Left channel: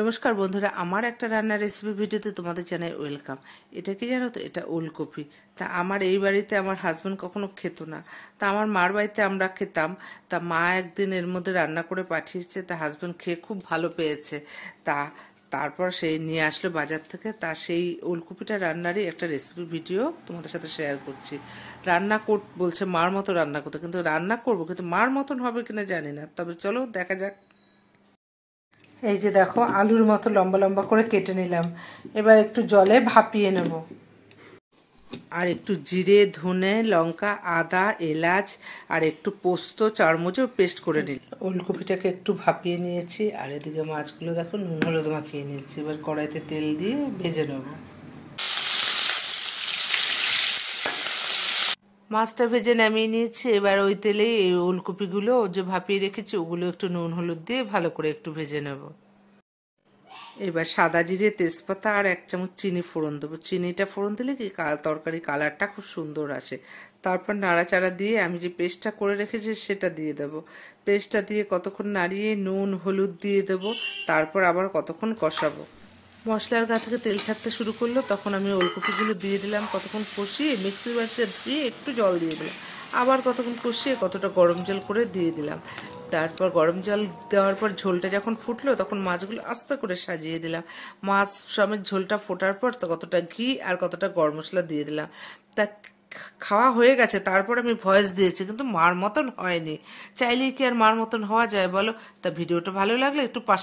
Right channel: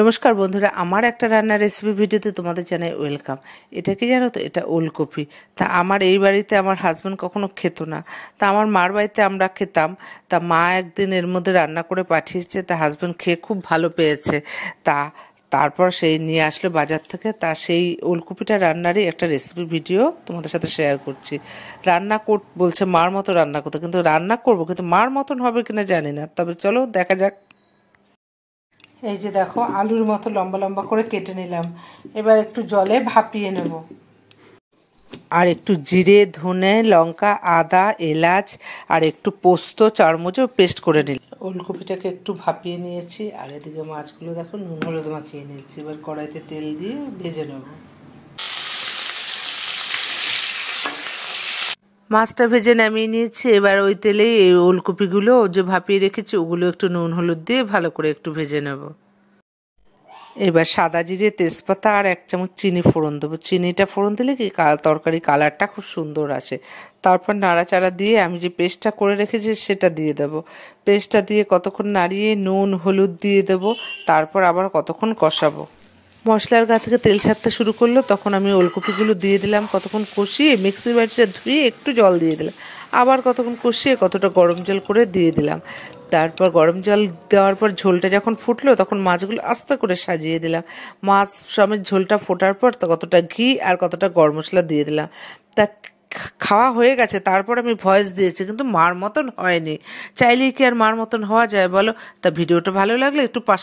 নমস্কার বন্ধুরা, আমার একটা রান্নার রেসিপি ভিডিওতে তোমাদের জানাই ওয়েলকাম। এটা কি জানো তো, এটা ওলকপি। তা আমার এই বাড়িতে আমার হাজব্যান্ড কখনো খেত না, তা আমার মার বাড়িতে আমরা খেতাম। তা মা একদিন এর মধ্যে রান্না করে পাঠিয়েছে, তা হাজব্যান্ড খেয়ে খুব ভালো পেয়েছে। তারপর সেই নিয়ে আসলো বাজার থেকে। তা সেই ওলকপিটা রান্নারই একটা রেসিপি ভিডিও তোমাদের সাথে শেয়ার করছি। বলছে মার মতো রান্না করতে, কিন্তু রান্না করবো, কিন্তু মার মতন হবে কিনা জানি না। তবে চলো দেখা যাক। এই যে দেখো, আলুর মতো লম্বা লম্বা করে কেটে নিলাম। এবার একটু জলে ভাপিয়ে নেব। আর একটু জিরে, ধনে, লঙ্কা, আদা, এলাচ আর একটু পোস্ত চারমুচো পেস্ট করে নিলাম। ওলকপিটাকে একটু ভাপিয়ে নিয়েছি, আর এদিকে মাছগুলো দেখো নুন হলুদ মাখিয়ে নিয়েছি। এবার কড়াইতে তেল দিয়ে ভেজে নেব। মাছটা ভেজে নামিয়ে নিয়েছি। এবার ওই তেলেই এই ওলকপিগুলো যে ভাপিয়ে রেখেছি ওগুলো একটু নুন হলুদ দিয়ে ভালো করে একটু ভেজে নেব। এবার সাদা জিরে, তেজপাতা আর 1 চামচ চিনি ফোড়ন দেবো। চিনিটা ফোড়ন দিলে কি তরকারি কালারটা খুব সুন্দর আসে। তারপর নাড়াচাড়া দিয়ে আমি যে পেস্টটা করে রেখেছি সেটা দিয়ে দেবো। পেস্টটা দিয়ে কতক্ষণ নাড়িয়ে নুন হলুদ দিয়ে দেবো। তারপর আবার কতক্ষণ কষাবো। মশলার গা থেকে তেল ছাড়তে শুরু করলো, তখন আমি ওলকপিগুলো দিয়ে দিলাম। কতক্ষণ কষিয়ে মিক্সির বাটিটা ধুয়ে একটু জল দিয়ে দিলাম। আবার কতক্ষণ কষিয়ে কতটা গরম জল করে দিয়ে দিলাম। তারপর গরম জল দেওয়ার পর ঝোলটা যখন ফুটলো তখন মাছগুলো আস্তে করে সাজিয়ে দিলাম। মাছ সমেত ঝোলটা ফোটার পর তো কতটা ঘি আর কতটা গরম মশলা দিয়ে দিলাম। তা খাওয়া হয়ে গেছে। তারপর আমি ভয়েস দিয়েছি, কিন্তু মার মতন হয়নি। চাইলেই কি আর মার মতন হওয়া যায় বলো? তা ভিডিওটা ভালো লাগলে একটু পাশে